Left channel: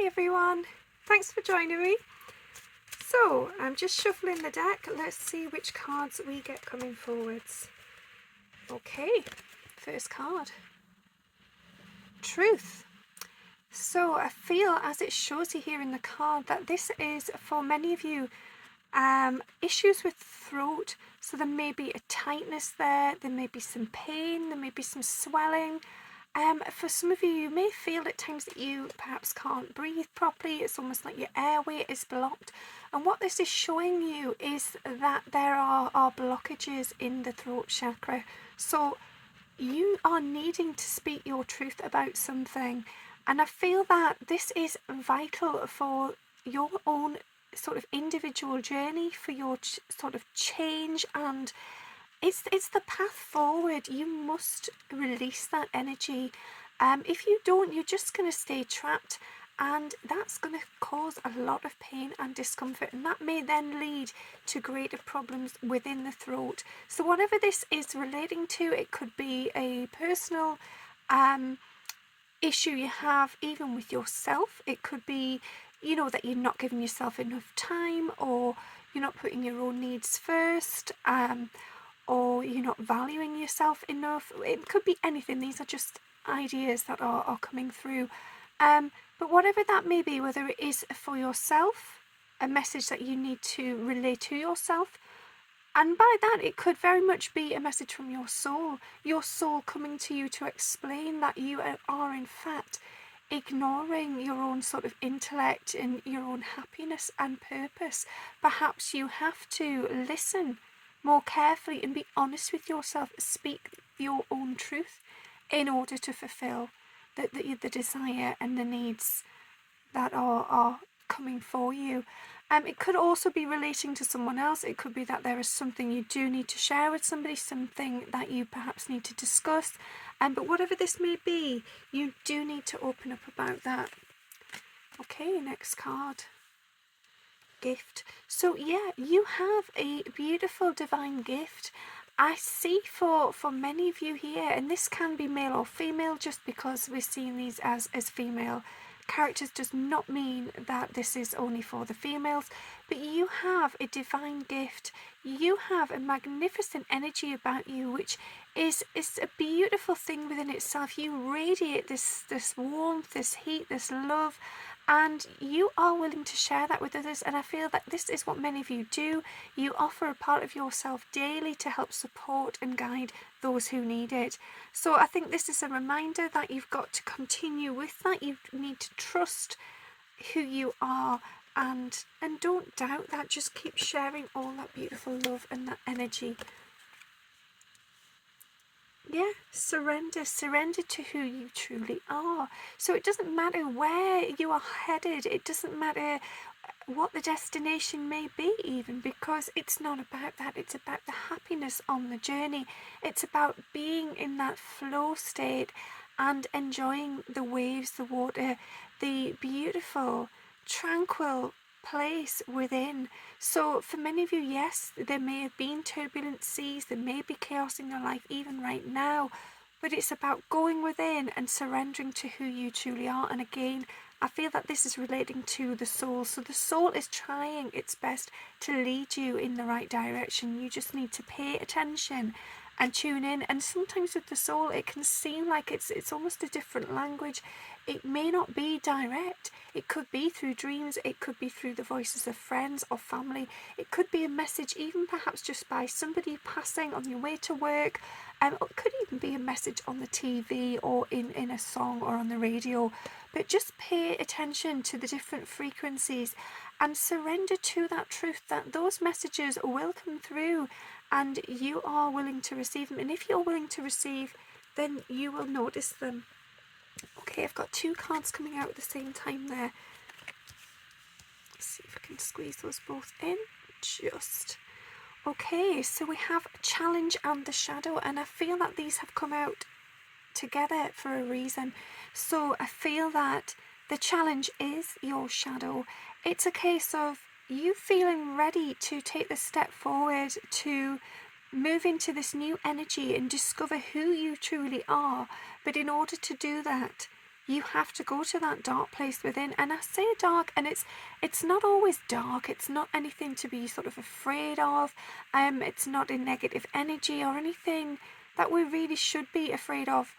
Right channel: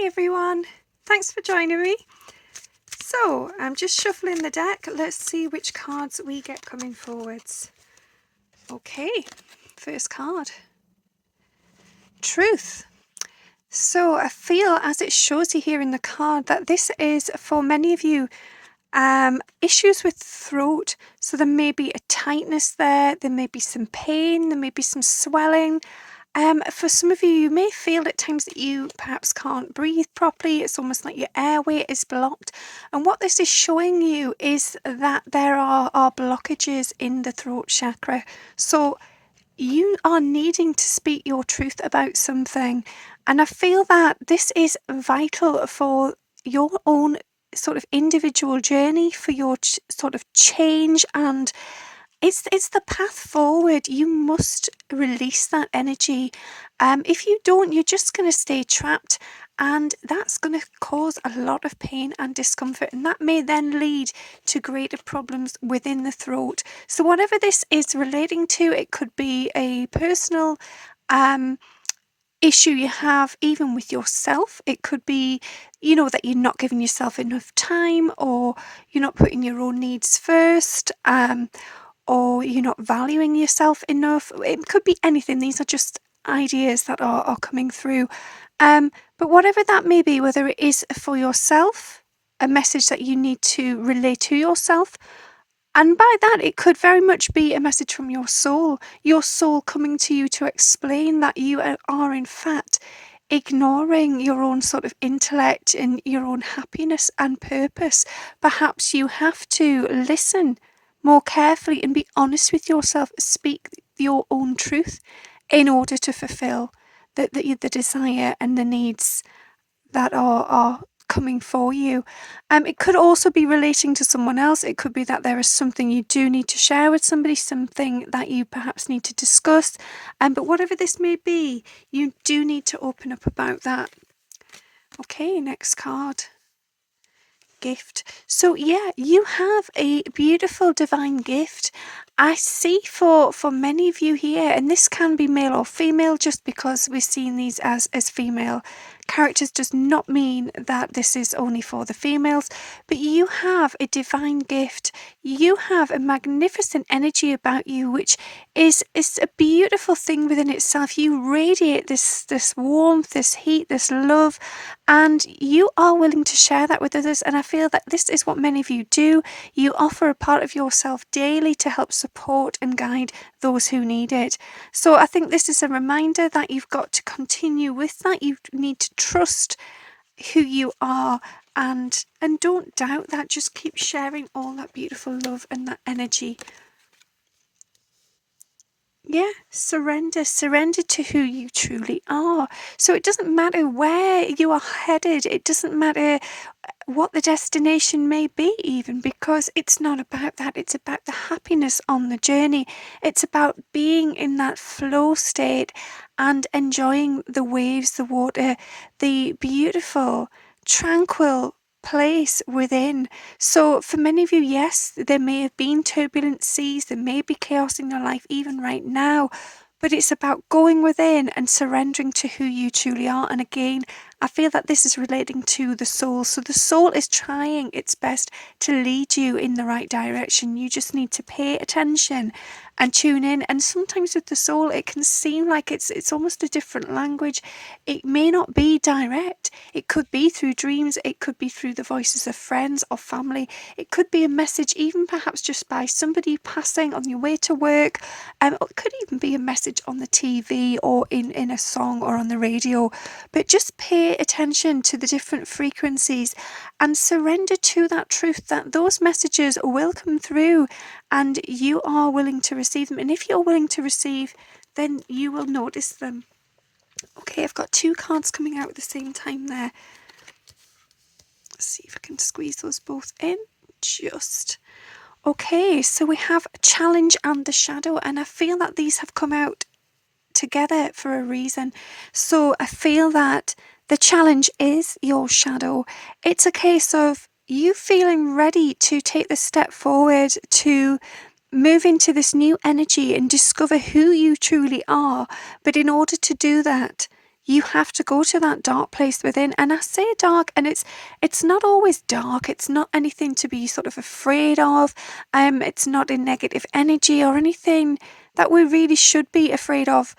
Hi everyone, thanks for joining me. So I'm just shuffling the deck. Let's see which cards we get coming forwards. Okay, first card, Truth. So I feel, as it shows you here in the card, that this is for many of you issues with throat. So there may be a tightness there may be some pain, there may be some swelling. For some of you, you may feel at times that you perhaps can't breathe properly. It's almost like your airway is blocked. And what this is showing you is that there are blockages in the throat chakra. So you are needing to speak your truth about something. And I feel that this is vital for your own sort of individual journey, for your sort of change, and it's the path forward. You must release that energy. If you don't, you're just going to stay trapped, and that's going to cause a lot of pain and discomfort, and that may then lead to greater problems within the throat. So whatever this is relating to, it could be a personal issue you have even with yourself. It could be, that you're not giving yourself enough time, or you're not putting your own needs first, or you're not valuing yourself enough. It could be anything. These are just ideas that are coming through. But whatever that may be, whether it is for yourself, a message that you need to relay to yourself, and by that it could very much be a message from your soul coming to you to explain that you are in fact ignoring your own sort of intellect and your own happiness and purpose. Perhaps you have to listen more carefully and be honest with yourself, speak your own truth in order to fulfill the desire and the needs that are coming for you. It could also be relating to someone else. It could be that there is something you do need to share with somebody, something that you perhaps need to discuss. But whatever this may be, you do need to open up about that. Okay, next card. Gift. So yeah, you have a beautiful divine gift. I see for many of you here, and this can be male or female. Just because we're seeing these as female characters does not mean that this is only for the females, but you have a divine gift. You have a magnificent energy about you, which is a beautiful thing within itself. You radiate this warmth, this heat, this love, and you are willing to share that with others. And I feel that this is what many of you do. You offer a part of yourself daily to help support and guide those who need it. So I think this is a reminder that you've got to continue with that. You need to trust who you are, and don't doubt that. Just keep sharing all that beautiful love and that energy. Yeah, surrender to who you truly are. So it doesn't matter where you are headed, it doesn't matter what the destination may be, even, because it's not about that. It's about the happiness on the journey. It's about being in that flow state and enjoying the waves, the water, the beautiful, tranquil place within. So for many of you, yes, there may have been turbulent seas, there may be chaos in your life even right now, but it's about going within and surrendering to who you truly are. And again, I feel that this is relating to the soul. So the soul is trying its best to lead you in the right direction. You just need to pay attention and tune in. And sometimes with the soul, it can seem like it's almost a different language. It may not be direct. It could be through dreams. It could be through the voices of friends or family. It could be a message, even perhaps just by somebody passing on your way to work. It could even be a message on the TV or in a song or on the radio. But just pay attention to the different frequencies and surrender to that truth, that those messages will come through and you are willing to receive them. And if you're willing to receive, then you will notice them. Okay, I've got two cards coming out at the same time there. Let's see if I can squeeze those both in. Just. Okay, so we have a challenge and the shadow, and I feel that these have come out together for a reason. So I feel that the challenge is your shadow. It's a case of you feeling ready to take the step forward, to move into this new energy and discover who you truly are. But in order to do that, You have to go to that dark place within. And I say dark, and it's not always dark. It's not anything to be sort of afraid of. It's not a negative energy or anything that we really should be afraid of.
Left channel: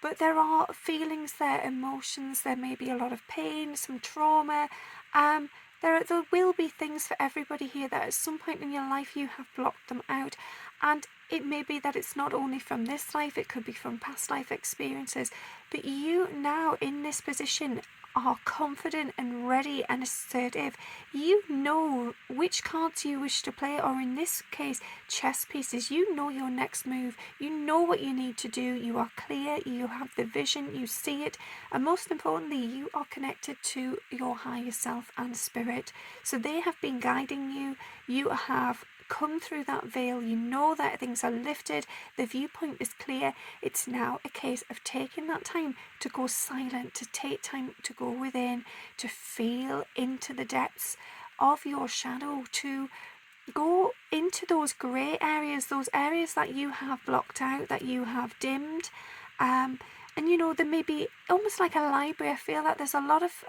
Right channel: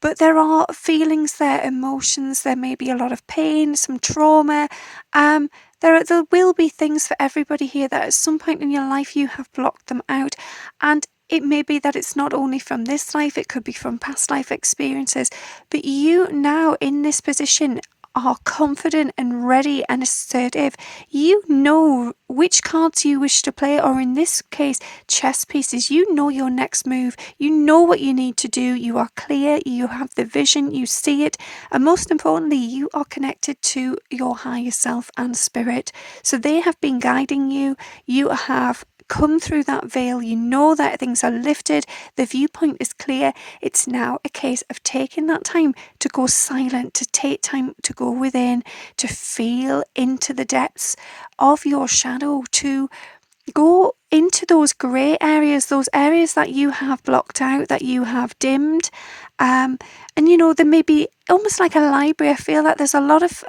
But there are feelings there, emotions, there may be a lot of pain, some trauma. There will be things for everybody here that at some point in your life you have blocked them out. And it may be that it's not only from this life, it could be from past life experiences. But you now in this position are confident and ready and assertive. You know which cards you wish to play, or in this case, chess pieces. You know your next move. You know what you need to do. You are clear. You have the vision. You see it. And most importantly, you are connected to your higher self and spirit. So they have been guiding you. You have come through that veil. You know that things are lifted. The viewpoint is clear. It's now a case of taking that time to go silent, to take time to go within, to feel into the depths of your shadow, to go into those grey areas, those areas that you have blocked out, that you have dimmed. And there may be almost like a library. I feel that there's a lot of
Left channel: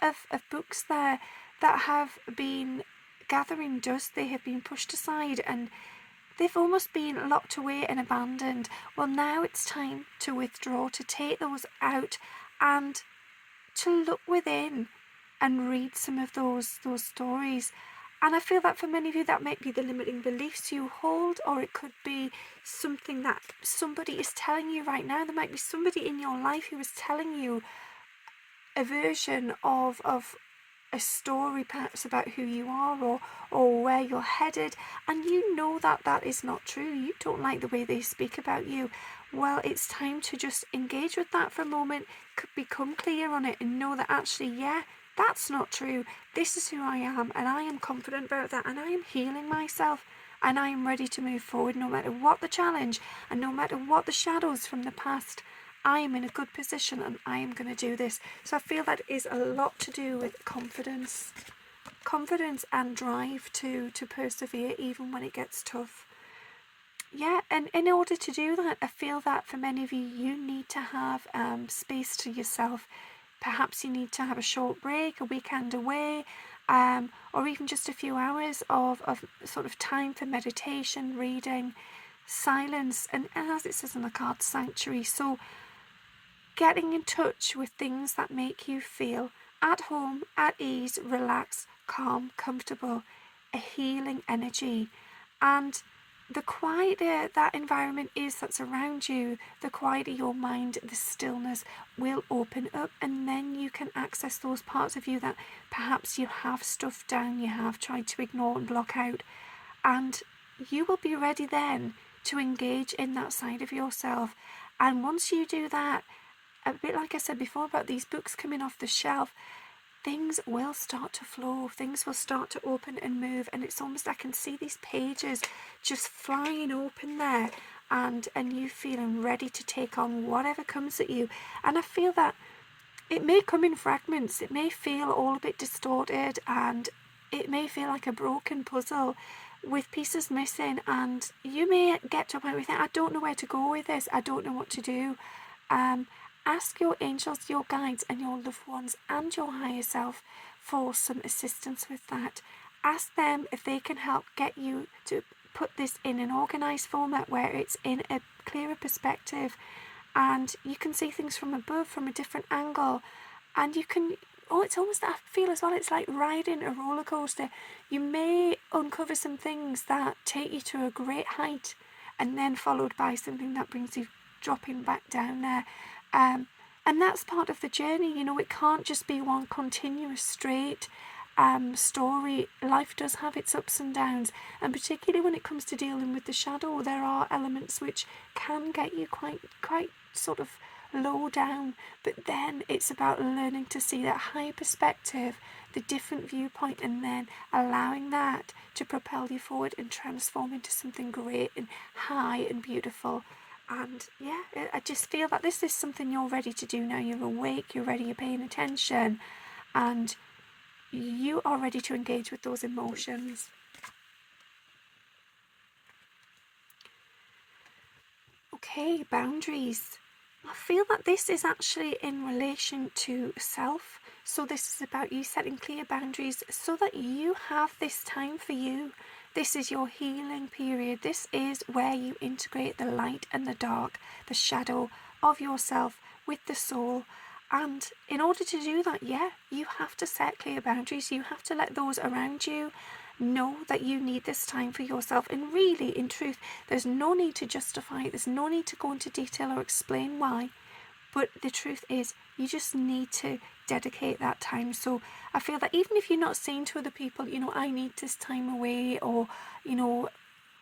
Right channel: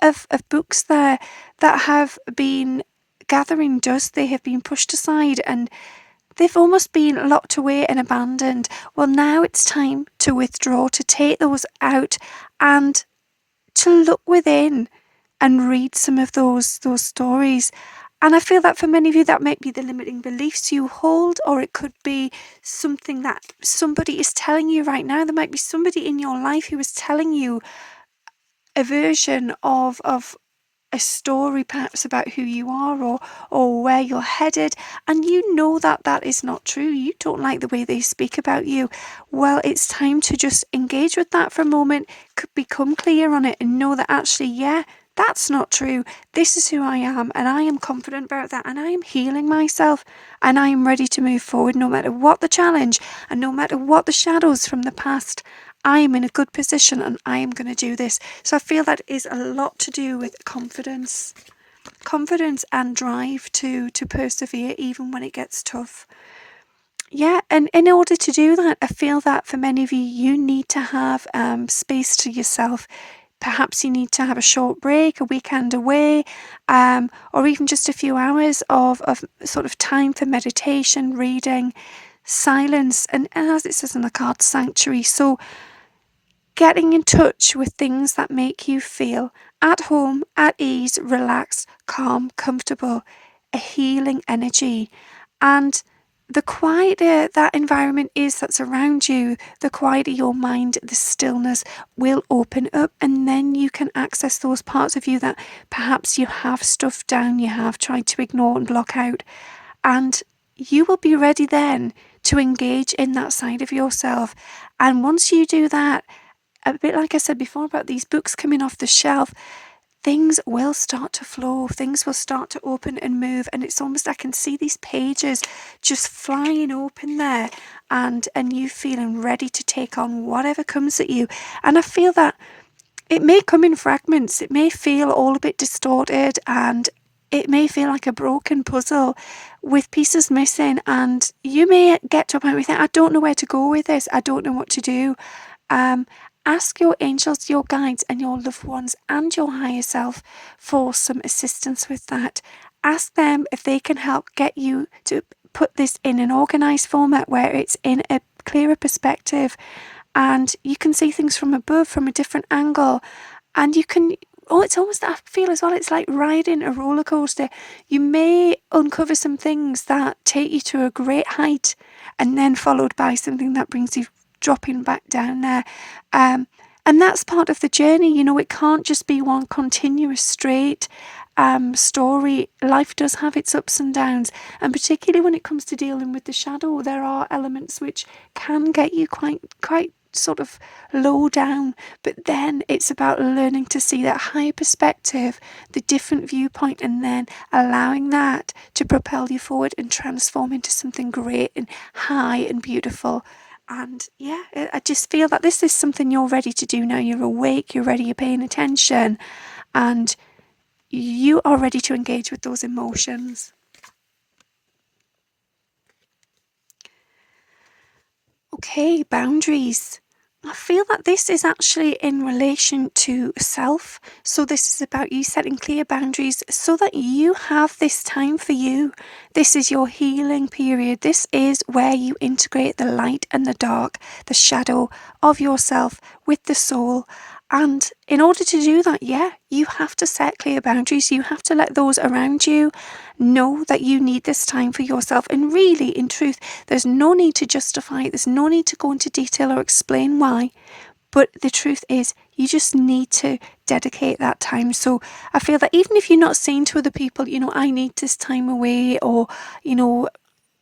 books there that have been gathering dust. They have been pushed aside and they've almost been locked away and abandoned. Well, now it's time to withdraw, to take those out and to look within and read some of those stories. And I feel that for many of you, that might be the limiting beliefs you hold, or it could be something that somebody is telling you right now. There might be somebody in your life who is telling you a version of a story perhaps about who you are or where you're headed, and you know that is not true. You don't like the way they speak about you. Well, it's time to just engage with that for a moment, become clear on it, and know that actually, yeah, that's not true. This is who I am, and I am confident about that, and I am healing myself, and I am ready to move forward no matter what the challenge and no matter what the shadows from the past. I am in a good position and I am going to do this. So I feel that is a lot to do with confidence and drive to persevere even when it gets tough. Yeah, and in order to do that, I feel that for many of you, you need to have space to yourself. Perhaps you need to have a short break, a weekend away, or even just a few hours of sort of time for meditation, reading, silence, and as it says in the card, sanctuary. So getting in touch with things that make you feel at home, at ease, relaxed, calm, comfortable, a healing energy. And the quieter that environment is that's around you, the quieter your mind, the stillness will open up, and then you can access those parts of you that perhaps you have stuffed down, you have tried to ignore and block out. And you will be ready then to engage in that side of yourself. And once you do that, a bit like I said before about these books coming off the shelf, things will start to flow, things will start to open and move, and it's almost, I can see these pages just flying open there, and you feeling ready to take on whatever comes at you. And I feel that it may come in fragments, it may feel all a bit distorted, and it may feel like a broken puzzle with pieces missing, and you may get to a point where you think, I don't know where to go with this, I don't know what to do. Ask your angels, your guides, and your loved ones and your higher self for some assistance with that. Ask them if they can help get you to put this in an organised format where it's in a clearer perspective and you can see things from above, from a different angle, and you can, it's almost, I feel as well, it's like riding a roller coaster. You may uncover some things that take you to a great height and then followed by something that brings you dropping back down there. And that's part of the journey. It can't just be one continuous straight story. Life does have its ups and downs, and particularly when it comes to dealing with the shadow, there are elements which can get you quite sort of low down, but then it's about learning to see that higher perspective, the different viewpoint, and then allowing that to propel you forward and transform into something great and high and beautiful. And yeah, I just feel that this is something you're ready to do now. You're awake, you're ready, you're paying attention, and you are ready to engage with those emotions. Okay, boundaries. I feel that this is actually in relation to self. So this is about you setting clear boundaries so that you have this time for you. This is your healing period. This is where you integrate the light and the dark, the shadow of yourself with the soul. And in order to do that, you have to set clear boundaries. You have to let those around you know that you need this time for yourself. And really, in truth, there's no need to justify it. There's no need to go into detail or explain why. But the truth is, you just need to dedicate that time. So I feel that even if you're not saying to other people, I need this time away, or,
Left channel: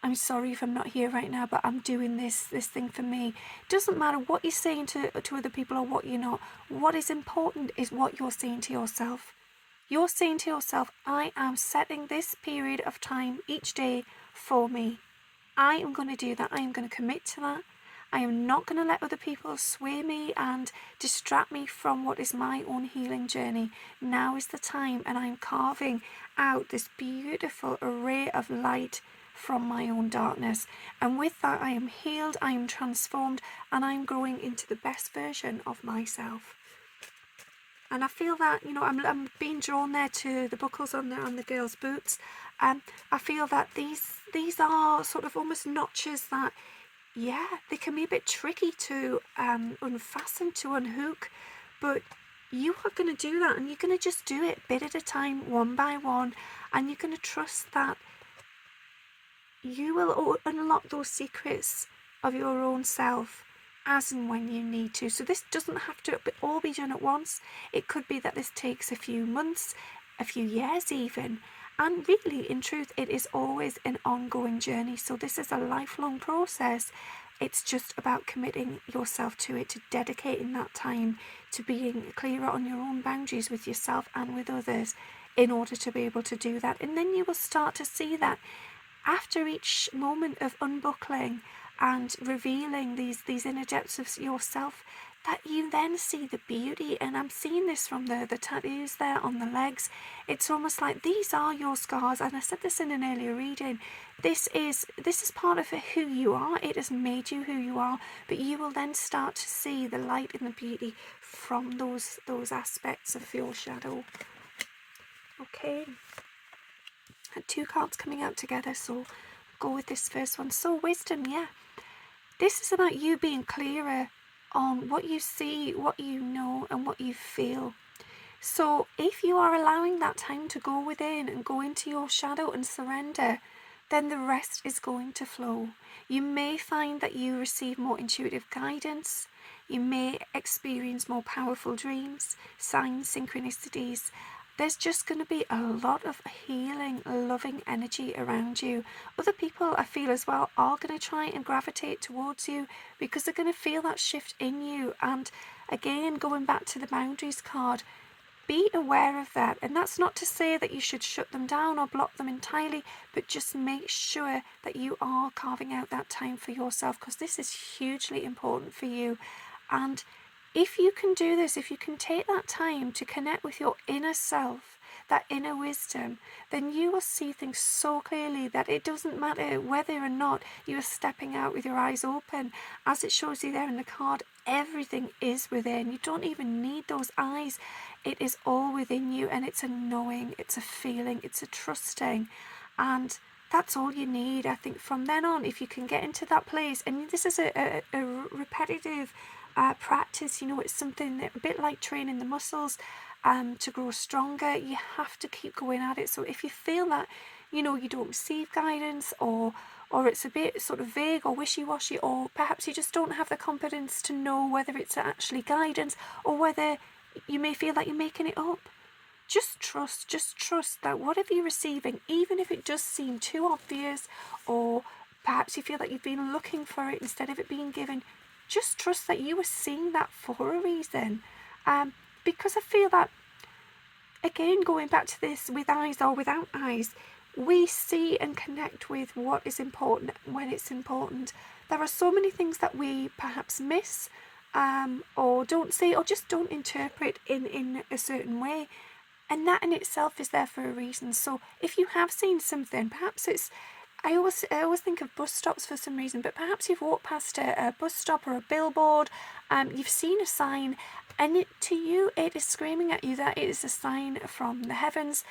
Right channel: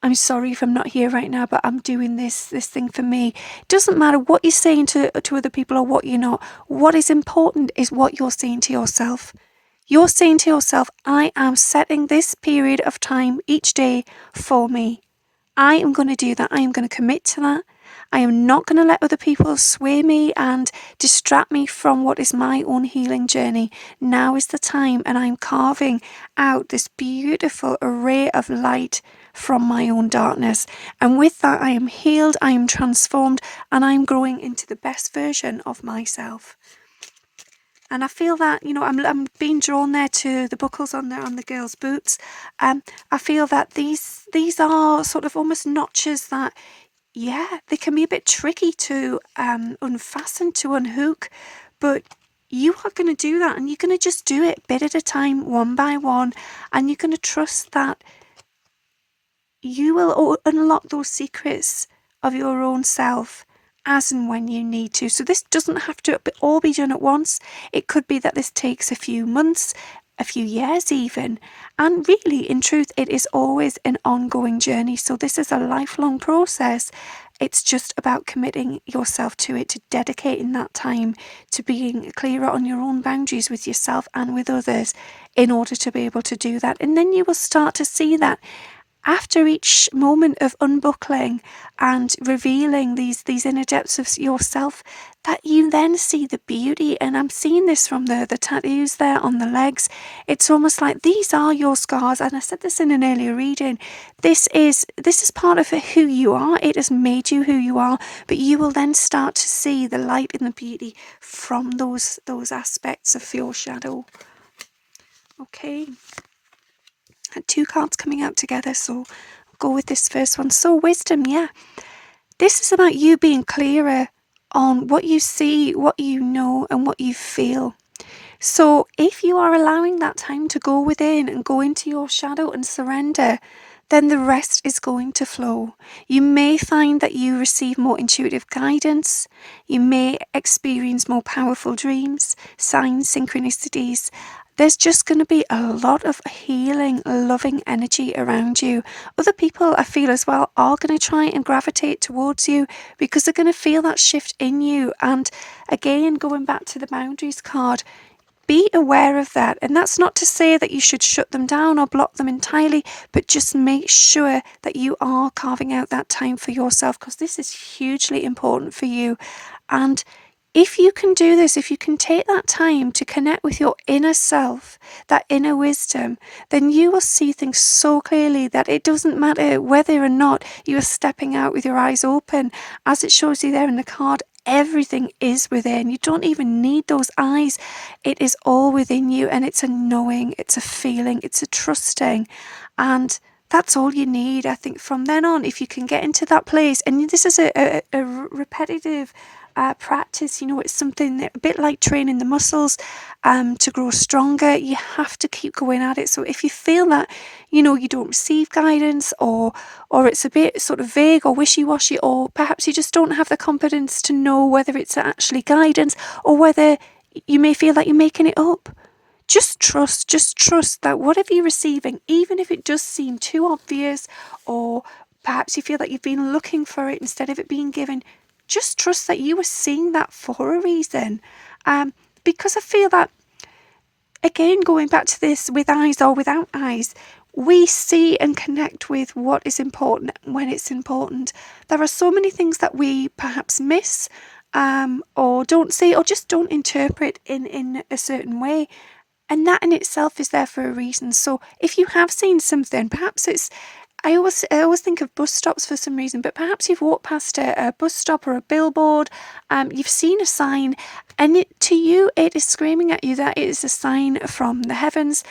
I'm sorry if I'm not here right now, but I'm doing this thing for me. It doesn't matter what you're saying to other people or what you're not. What is important is what you're saying to yourself. You're saying to yourself, I am setting this period of time each day for me. I am going to do that. I am going to commit to that. I am not going to let other people sway me and distract me from what is my own healing journey. Now is the time, and I'm carving out this beautiful array of light from my own darkness. And with that, I am healed, I am transformed, and I'm growing into the best version of myself. And I feel that, I'm being drawn there to the buckles on the girls' boots. I feel that these are sort of almost notches that, they can be a bit tricky to unfasten, to unhook. But you are going to do that, and you're going to just do it bit at a time, one by one. And you're going to trust that you will unlock those secrets of your own self as and when you need to. So this doesn't have to all be done at once. It could be that this takes a few months, a few years even. And really, in truth, it is always an ongoing journey. So this is a lifelong process. It's just about committing yourself to it, to dedicating that time, to being clearer on your own boundaries with yourself and with others in order to be able to do that. And then you will start to see that after each moment of unbuckling and revealing these inner depths of yourself, that you then see the beauty. And I'm seeing this from the tattoos there on the legs. It's almost like these are your scars. And I said this in an earlier reading. This is part of who you are. It has made you who you are. But you will then start to see the light and the beauty from those aspects of your shadow. Okay. Had two cards coming out together, so I'll go with this first one. So wisdom, this is about you being clearer on what you see, what you know, and what you feel. So if you are allowing that time to go within and go into your shadow and surrender, then the rest is going to flow. You may find that you receive more intuitive guidance. You may experience more powerful dreams, signs, synchronicities. There's just going to be a lot of healing, loving energy around you. Other people, I feel as well, are going to try and gravitate towards you because they're going to feel that shift in you. And again, going back to the boundaries card, be aware of that. And that's not to say that you should shut them down or block them entirely, but just make sure that you are carving out that time for yourself, because this is hugely important for you. And if you can do this, if you can take that time to connect with your inner self, that inner wisdom, then you will see things so clearly that it doesn't matter whether or not you are stepping out with your eyes open. As it shows you there in the card, everything is within. You don't even need those eyes. It is all within you, and it's a knowing, it's a feeling, it's a trusting. And that's all you need, I think, from then on. If you can get into that place, and this is a repetitive practice, it's something that, a bit like training the muscles to grow stronger. You have to keep going at it. So if you feel that you don't receive guidance, or it's a bit sort of vague or wishy-washy, or perhaps you just don't have the confidence to know whether it's actually guidance or whether you may feel like you're making it up, just trust that whatever you're receiving, even if it does seem too obvious, or perhaps you feel that you've been looking for it instead of it being given, just trust that you were seeing that for a reason. Because I feel that, again, going back to this, with eyes or without eyes, we see and connect with what is important when it's important. There are so many things that we perhaps miss, or don't see, or just don't interpret in a certain way. And that in itself is there for a reason. So if you have seen something, perhaps it's I always think of bus stops for some reason, but perhaps you've walked past a bus stop or a billboard, you've seen a sign, and to you it is screaming at you that it is a sign from the heavens,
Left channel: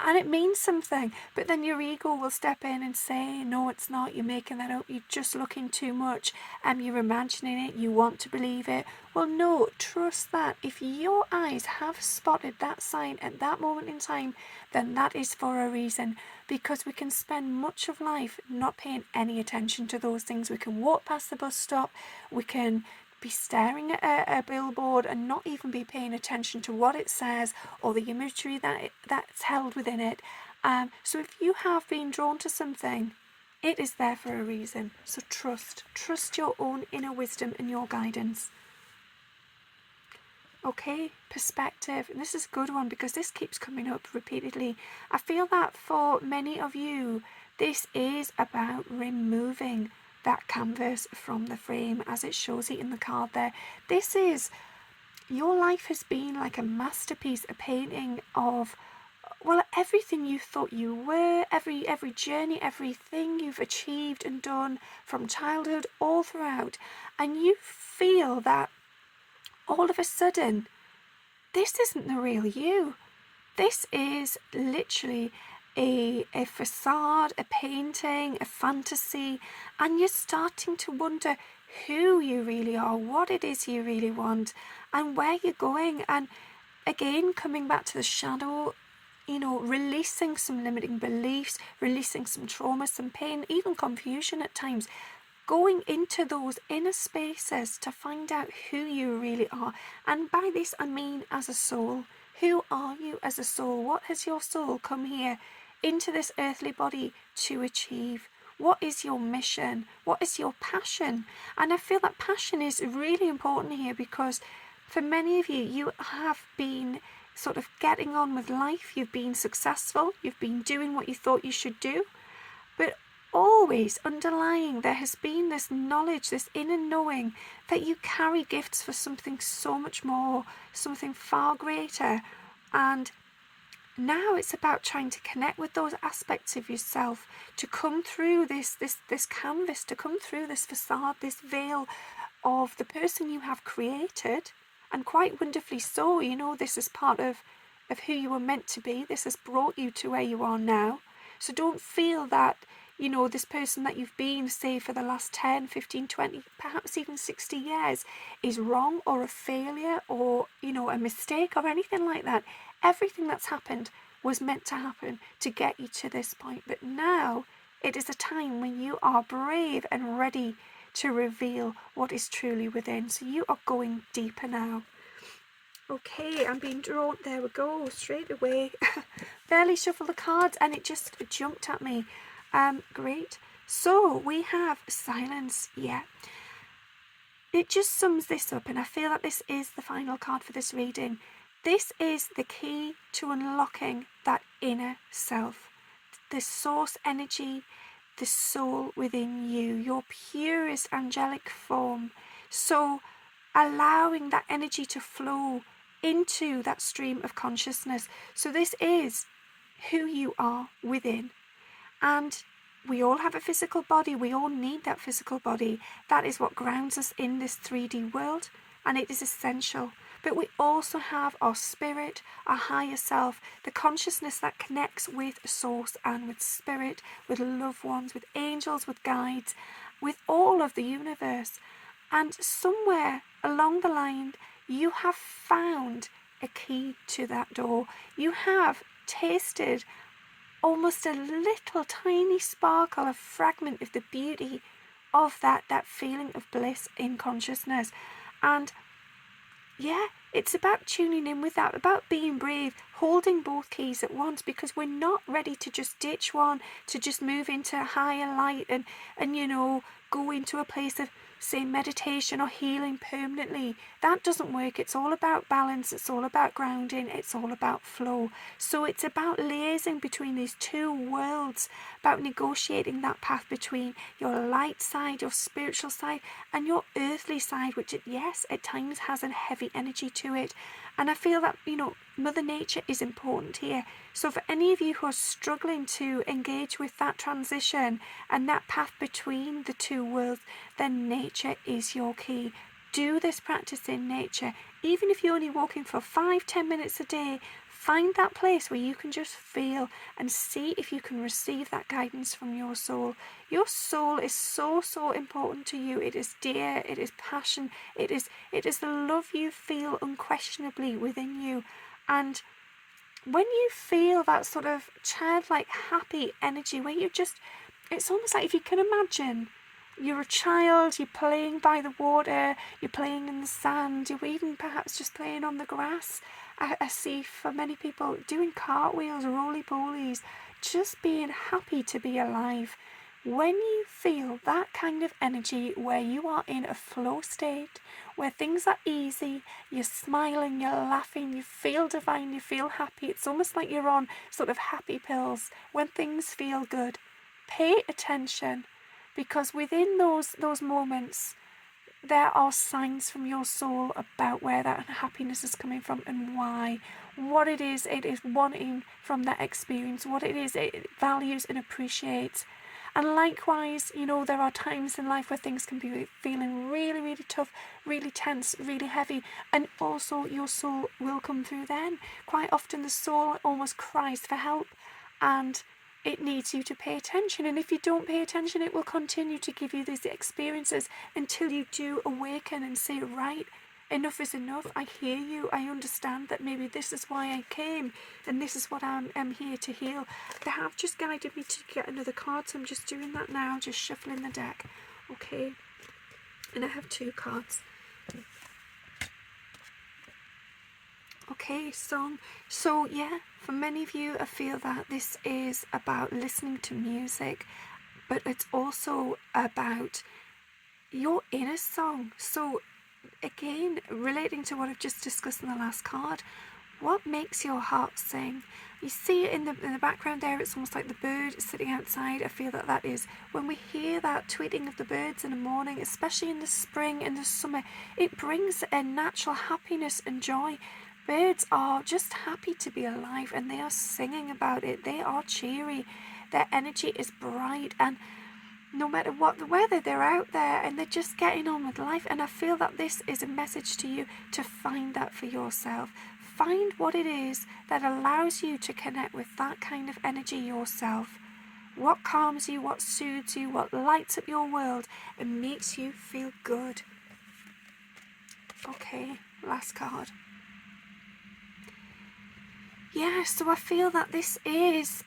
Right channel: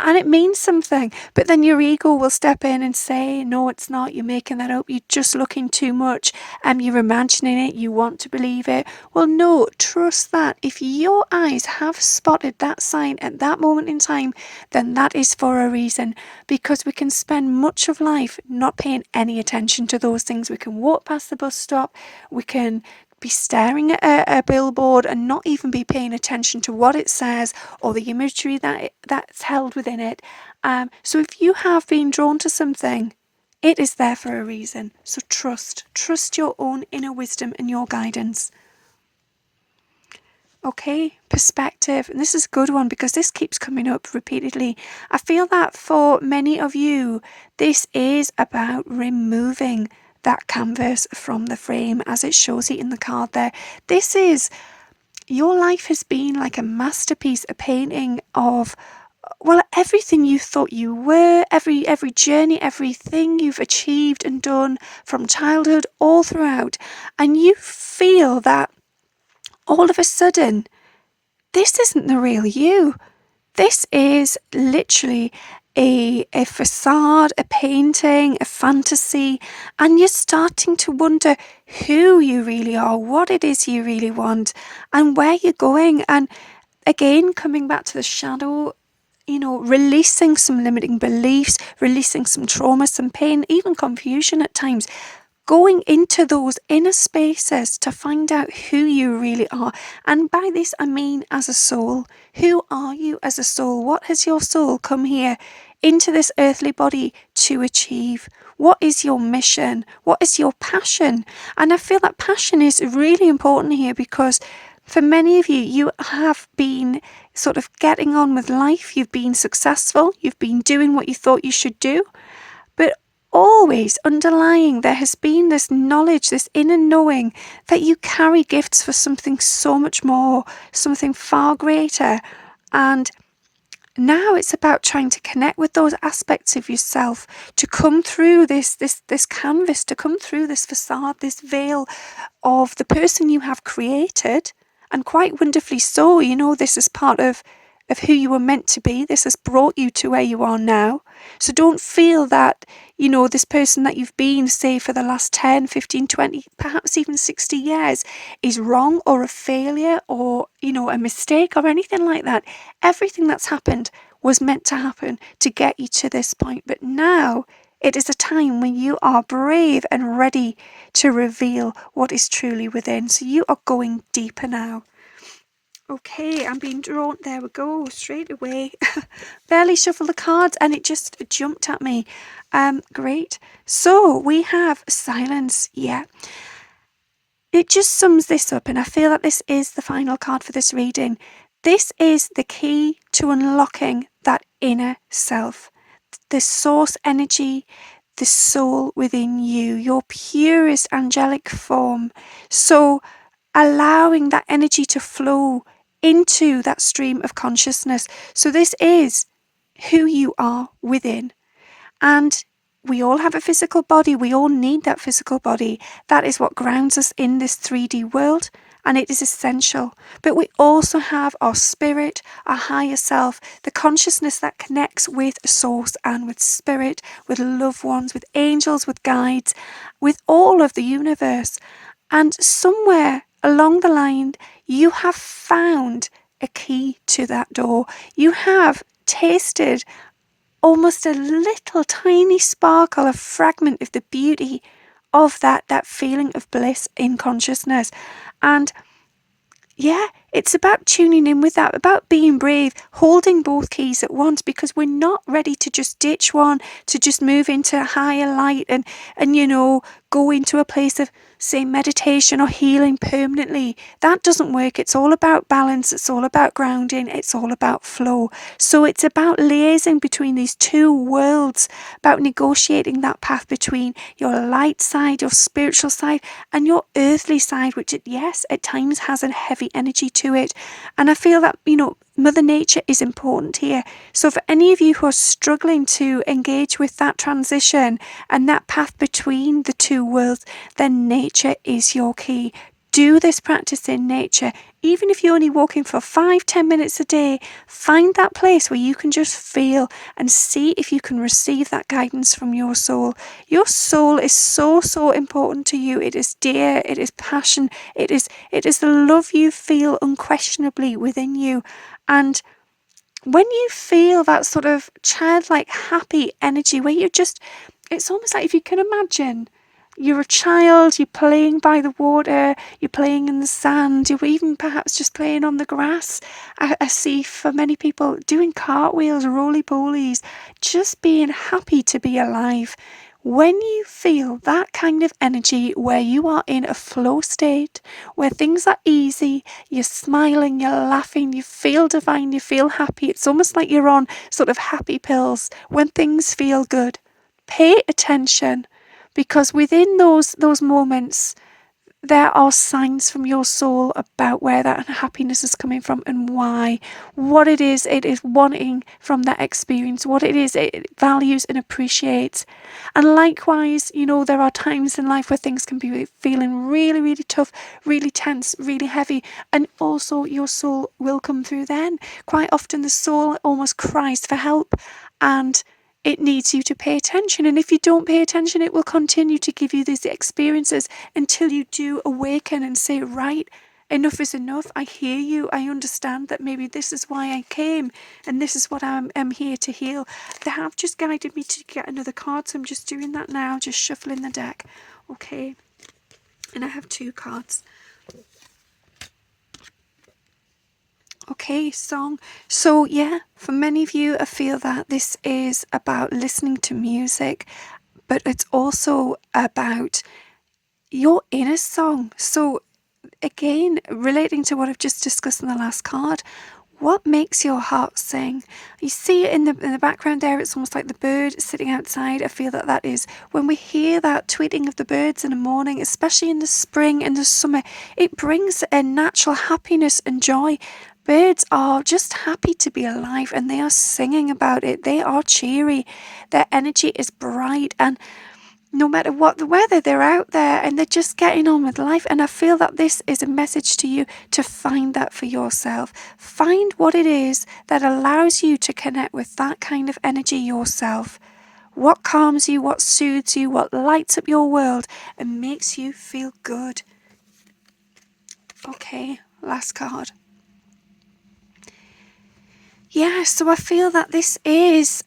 and it means something. But then your ego will step in and say, no, it's not. You're making that up. You're just looking too much. You're imagining it. You want to believe it. Well, no, trust that. If your eyes have spotted that sign at that moment in time, then that is for a reason. Because we can spend much of life not paying any attention to those things. We can walk past the bus stop. We can be staring at a billboard and not even be paying attention to what it says or the imagery that's held within it. So if you have been drawn to something, it is there for a reason. So trust your own inner wisdom and your guidance. Okay, perspective. And this is a good one because this keeps coming up repeatedly. I feel that for many of you, this is about removing that canvas from the frame as it shows it in the card there. This is, your life has been like a masterpiece, a painting of, well, everything you thought you were, every journey, everything you've achieved and done from childhood all throughout. And you feel that all of a sudden, this isn't the real you. This is literally a facade, a painting, a fantasy, and you're starting to wonder who you really are, what it is you really want, and where you're going. And again, coming back to the shadow, releasing some limiting beliefs, releasing some trauma, some pain, even confusion at times. Going into those inner spaces to find out who you really are. And by this, I mean as a soul. Who are you as a soul? What has your soul come here into this earthly body to achieve? What is your mission? What is your passion? And I feel that passion is really important here because for many of you, you have been sort of getting on with life. You've been successful. You've been doing what you thought you should do. But always underlying there has been this knowledge, this inner knowing that you carry gifts for something so much more, something far greater. And now it's about trying to connect with those aspects of yourself, to come through this canvas, to come through this facade, this veil of the person you have created. And quite wonderfully so, this is part of who you were meant to be. This has brought you to where you are now. So don't feel that, this person that you've been, say, for the last 10, 15, 20, perhaps even 60 years is wrong or a failure or, a mistake or anything like that. Everything that's happened was meant to happen to get you to this point. But now it is a time when you are brave and ready to reveal what is truly within. So you are going deeper now. Okay, I'm being drawn. There we go, straight away. Barely shuffled the cards and it just jumped at me. Great. So we have silence. Yeah. It just sums this up, and I feel that this is the final card for this reading. This is the key to unlocking that inner self, the source energy, the soul within you, your purest angelic form. So allowing that energy to flow into that stream of consciousness. So this is who you are within. And we all have a physical body. We all need that physical body. That is what grounds us in this 3D world, and it is essential. But we also have our spirit, our higher self, the consciousness that connects with source and with spirit, with loved ones, with angels, with guides, with all of the universe. And somewhere along the line, you have found a key to that door. You have tasted almost a little tiny sparkle, a fragment of the beauty of that feeling of bliss in consciousness. And yeah, it's about tuning in with that, about being brave, holding both keys at once, because we're not ready to just ditch one, to just move into higher light and go into a place of, say, meditation or healing permanently. That doesn't work. It's all about balance. It's all about grounding. It's all about flow. So it's about liaising between these two worlds, about negotiating that path between your light side, your spiritual side, and your earthly side, which, yes, at times has a heavy energy to it. And I feel that, Mother Nature is important here. So for any of you who are struggling to engage with that transition and that path between the two worlds, then nature is your key. Do this practice in nature. Even if you're only walking for 5-10 minutes a day, find that place where you can just feel and see if you can receive that guidance from your soul. Your soul is so, so important to you. It is dear, it is passion, it is the love you feel unquestionably within you. And when you feel that sort of childlike happy energy where you're just, it's almost like, if you can imagine, you're a child, you're playing by the water, you're playing in the sand, you're even perhaps just playing on the grass. I see for many people doing cartwheels, roly-polies, just being happy to be alive. When you feel that kind of energy where you are in a flow state, where things are easy, you're smiling, you're laughing, you feel divine, you feel happy, it's almost like you're on sort of happy pills when things feel good. Pay attention, because within those moments, there are signs from your soul about where that happiness is coming from and why, what it is wanting from that experience, what it is it values and appreciates. And likewise, there are times in life where things can be feeling really, really tough, really tense, really heavy, and also your soul will come through then. Quite often the soul almost cries for help, and it needs you to pay attention. And if you don't pay attention, it will continue to give you these experiences until you do awaken and say, right, enough is enough. I hear you. I understand that maybe this is why I came and this is what I'm here to heal. They have just guided me to get another card, so I'm just doing that now, just shuffling the deck. Okay. And I have 2 cards. Okay, song. So yeah, for many of you, I feel that this is about listening to music, but it's also about your inner song. So again, relating to what I've just discussed in the last card, what makes your heart sing? You see it in the background there, it's almost like the bird sitting outside. I feel that is when we hear that tweeting of the birds in the morning, especially in the spring and the summer, it brings a natural happiness and joy. Birds are just happy to be alive and they are singing about it. They are cheery. Their energy is bright, and no matter what the weather, they're out there and they're just getting on with life. And I feel that this is a message to you to find that for yourself. Find what it is that allows you to connect with that kind of energy yourself. What calms you, what soothes you, what lights up your world and makes you feel good. Okay, last card. Yeah, so I feel that this is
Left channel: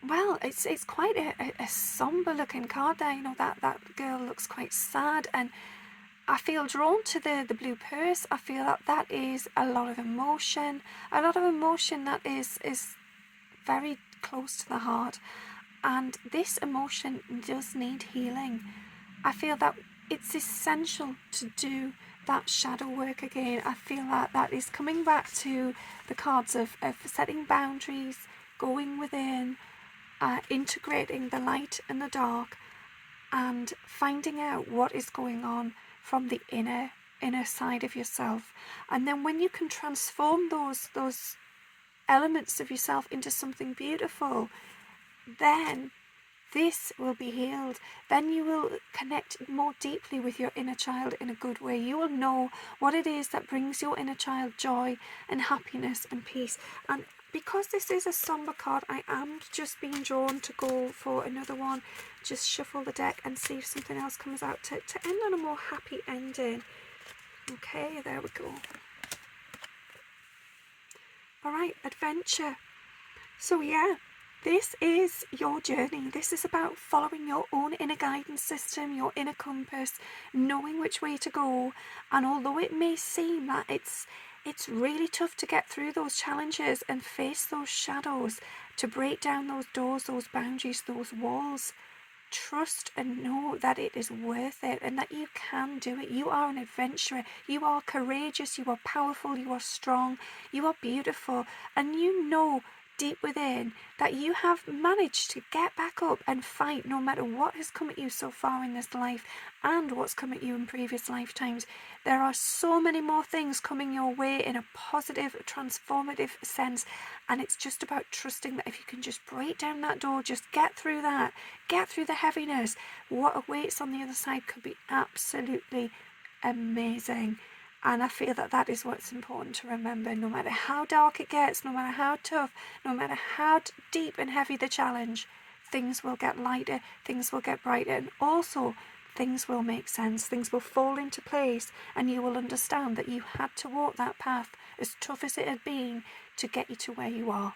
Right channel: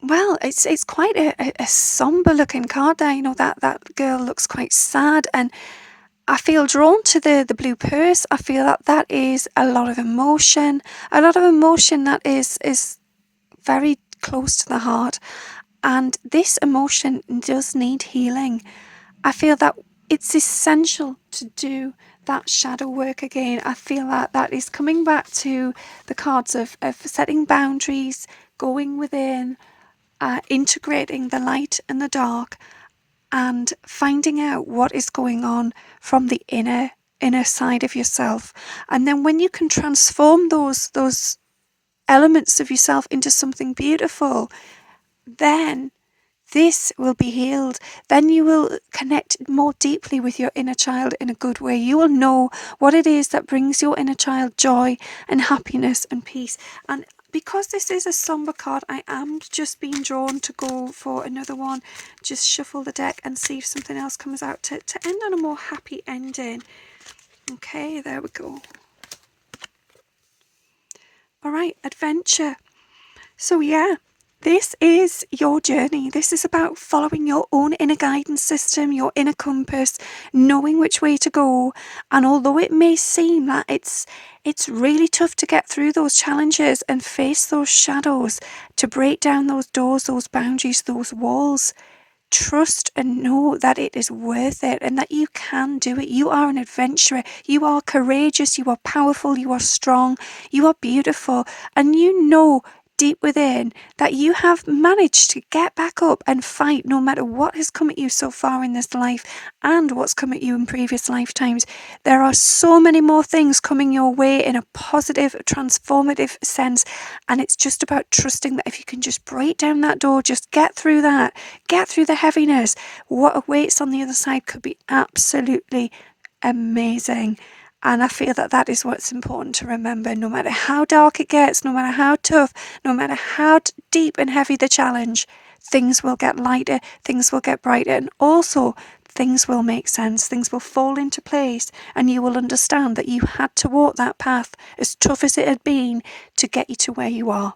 well, it's quite a somber looking card there. That girl looks quite sad, and I feel drawn to the blue purse. I feel that is a lot of emotion that is very close to the heart, and this emotion does need healing. I feel that it's essential to do that shadow work again. I feel that is coming back to the cards of setting boundaries, going within, integrating the light and the dark, and finding out what is going on from the inner side of yourself. And then when you can transform those elements of yourself into something beautiful, then this will be healed. Then you will connect more deeply with your inner child in a good way. You will know what it is that brings your inner child joy and happiness and peace. And because this is a somber card, I am just being drawn to go for another one. Just shuffle the deck and see if something else comes out to end on a more happy ending. Okay, there we go. All right, adventure. So yeah, this is your journey. This is about following your own inner guidance system, your inner compass, knowing which way to go. And although it may seem that it's really tough to get through those challenges and face those shadows, to break down those doors, those boundaries, those walls, trust and know that it is worth it and that you can do it. You are an adventurer. You are courageous. You are powerful. You are strong. You are beautiful. And you know deep within that you have managed to get back up and fight no matter what has come at you so far in this life and what's come at you in previous lifetimes. There are so many more things coming your way in a positive, transformative sense, and it's just about trusting that if you can just break down that door, just get through that, get through the heaviness, what awaits on the other side could be absolutely amazing. And I feel that that is what's important to remember. No matter how dark it gets, no matter how tough, no matter how deep and heavy the challenge, things will get lighter, things will get brighter, and also things will make sense, things will fall into place, and you will understand that you had to walk that path, as tough as it had been, to get you to where you are.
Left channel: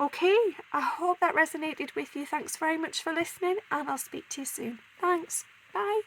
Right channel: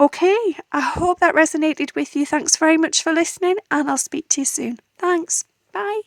Okay, I hope that resonated with you. Thanks very much for listening, and I'll speak to you soon. Thanks. Bye.